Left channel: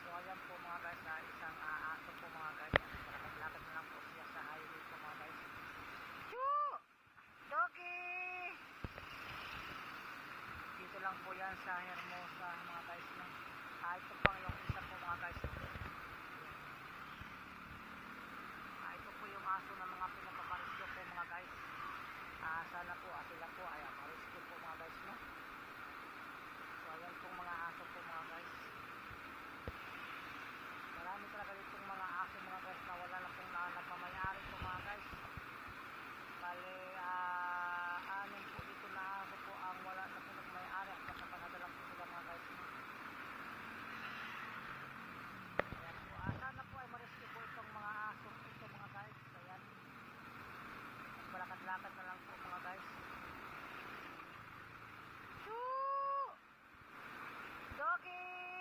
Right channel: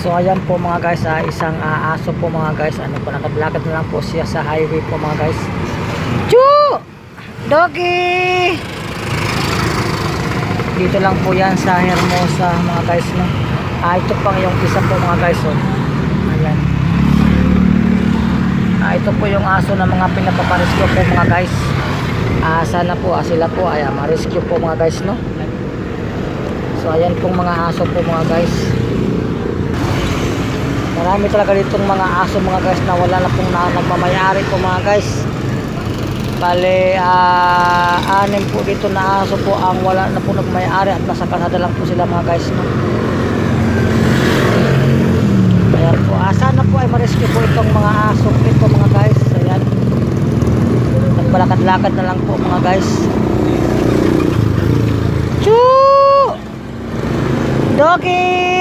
So ayan po mga guys, isang aso po mga guys. Ano po, nakablakad na lang po siya sa highway po mga guys. Chu! Doggy! Dito lang po yan sa Hermosa mga guys, no? Ito pang yung isa po mga guys, oh. Ayan. Ito po yung aso na mga pinapaparescue po mga guys. Sana po sila po ay ma-rescue po mga guys, no? So ayan pong mga aso po mga guys. Marami talaga ditong mga aso mga guys na wala na pong nagmamayari po mga guys. Bale, 6 po dito na aso po ang wala na po nagmamayari at nasa kalsada lang po sila mga guys, no? Ayan po, sana po ay ma-rescue po itong mga aso ito mga guys. Ayan, nagbalakad-lakad na lang po mga guys. Choo! Doggy!